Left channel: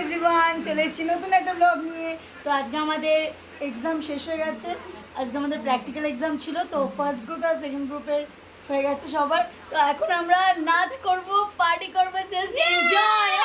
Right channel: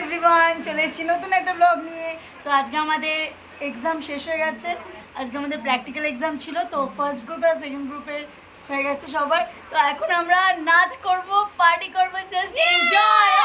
Everyone, চলে এসেছি নতুন একটা ব্লগ নিয়ে। তো আজকে আমাদের এক্সাম শেষ হয়ে গেছে। আজকে আমাদের প্র্যাকটিক্যাল এক্সাম ছিল। তো ফার্স্ট গ্রুপ আর সেকেন্ড গ্রুপের হয়ে গেছে সবার। তো এখন আমরা নাচ করব, পার্টি করব, জাস্ট এনজয়।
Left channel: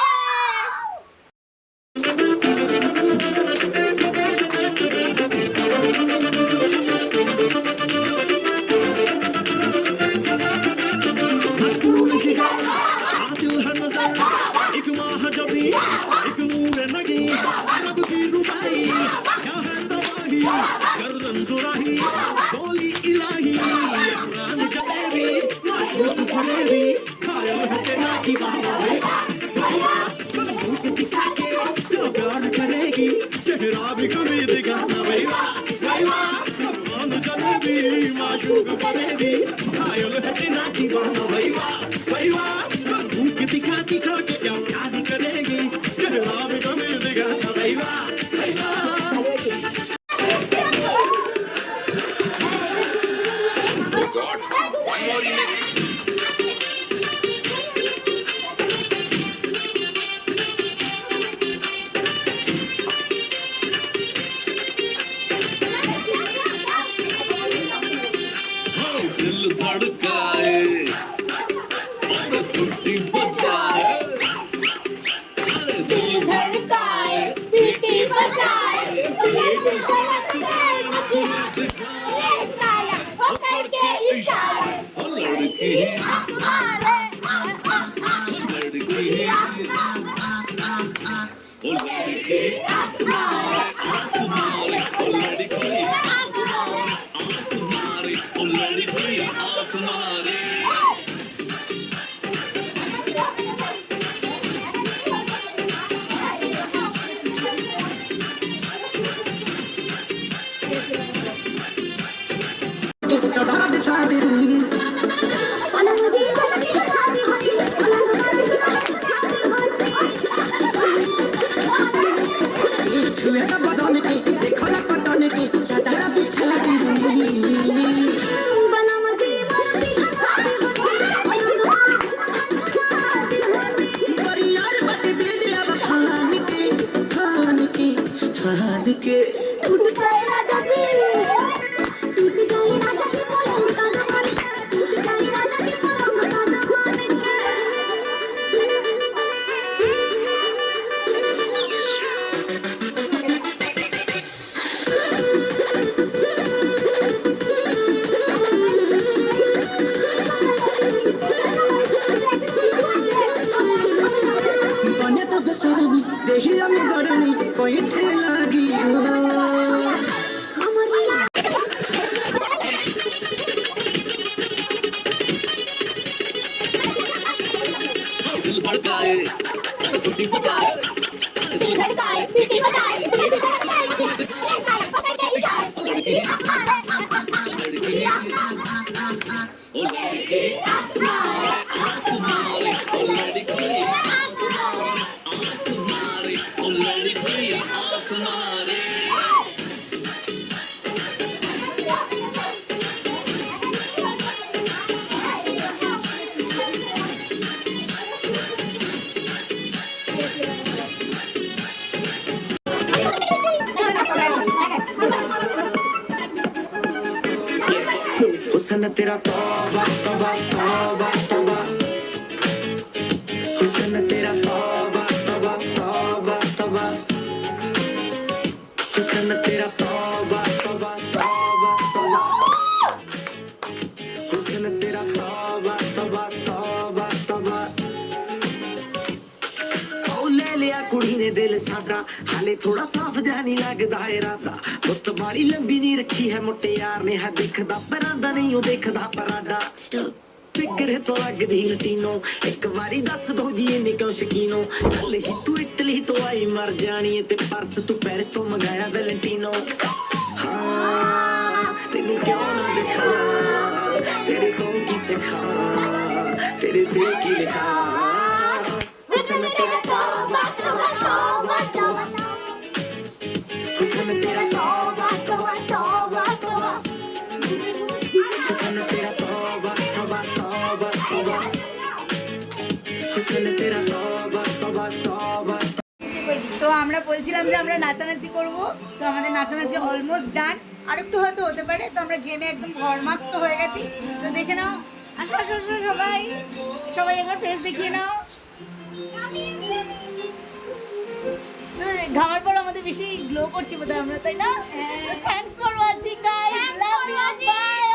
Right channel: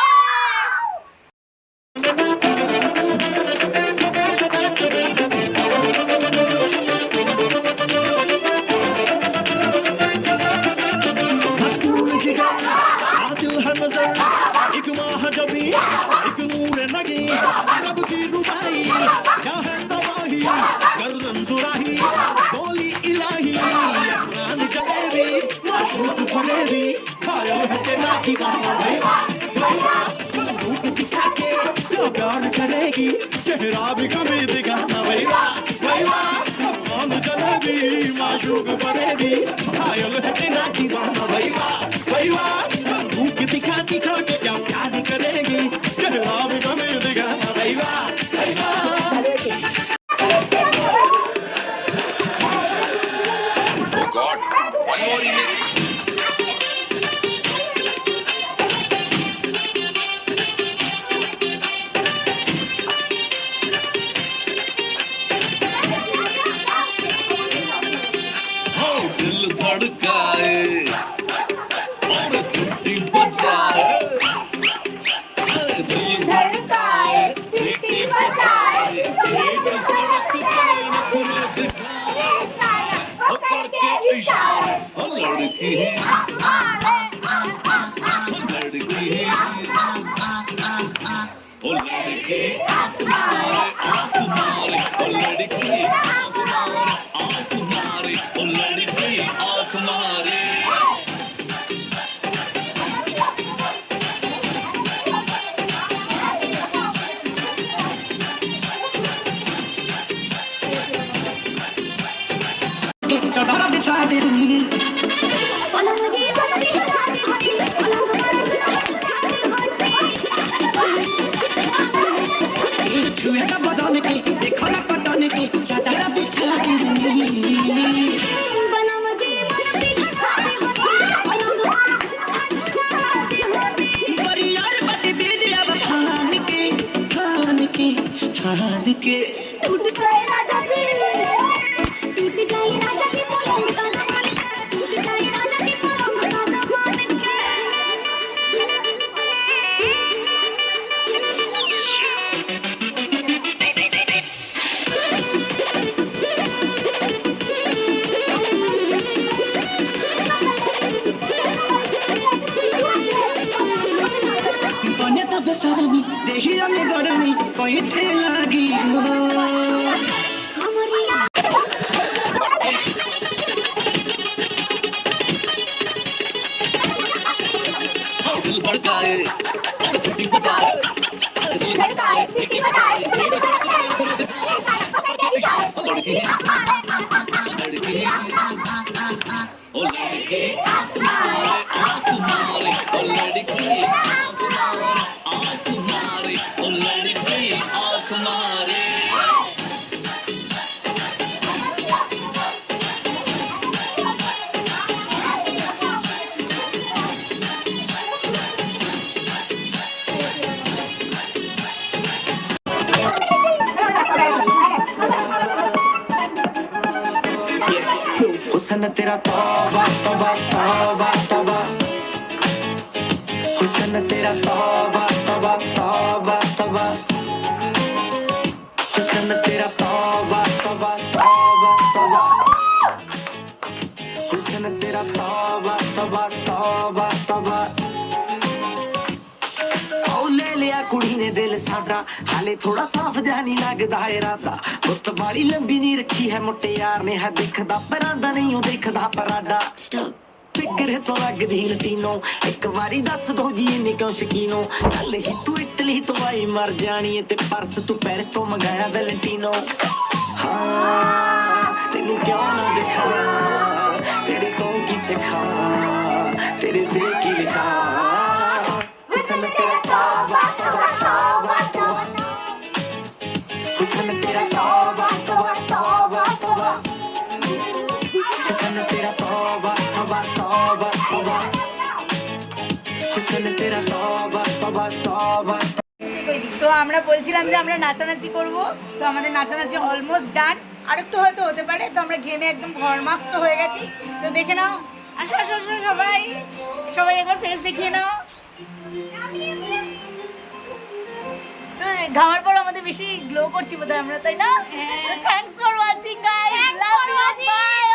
हुस्न तेरा तौबा तौबा तौबा तौबा, हुस्न तेरा तौबा तौबा तौबा तौबा, हुस्न तेरा तौबा तौबा तौबा तौबा, हुस्न तेरा तौबा तौबा तौबा तौबा। ओ ले लिया कुड़ी ने दिल साडा, हाले थोड़ा साफ जा नहीं लगदा इरादा। गुत्त बाड़ी लंबी नहीं रखी है मुट्टे यार ने, है दिखदा परांदा नहीं ओ देखदा पराडा। फिक्र तो लगदी लटीनो, एक बारी दस दो जी इन्ने क्यों शकीनो। कल ही तू इटली तो आई मर जानी है, ते परस तू पेरिस तो मंगाया वैलेंटिनो। हाँ तेनू क्यों ना दिखा, तेरे तो की सिखा, तेरे दिल की लिखा। हुस्न तेरा तौबा तौबा तौबा तौबा, हुस्न तेरा तौबा तौबा तौबा तौबा, हुस्न तेरा तौबा तौबा तौबा तौबा, हुस्न तेरा तौबा तौबा तौबा। তো আমরা বলছিলাম যে আমরা নাচানাচি করব, তো আমাদের নাচানাচি অলমোস্ট ডান, আর একটু হয়তো হতে পারে। তো আমরা ঘেমে একদম ঘরমাক্ত হয়ে গেছি। তো দেখে নাও, আসো আসো আসো সবাই, সবাই একবার ফেস দেখিয়ে নাও। তো ঘামার পর আমাদের বেশি গ্লো করছি বোধহয় আমরা, তাই না? Thanks for watching guys, love you, by.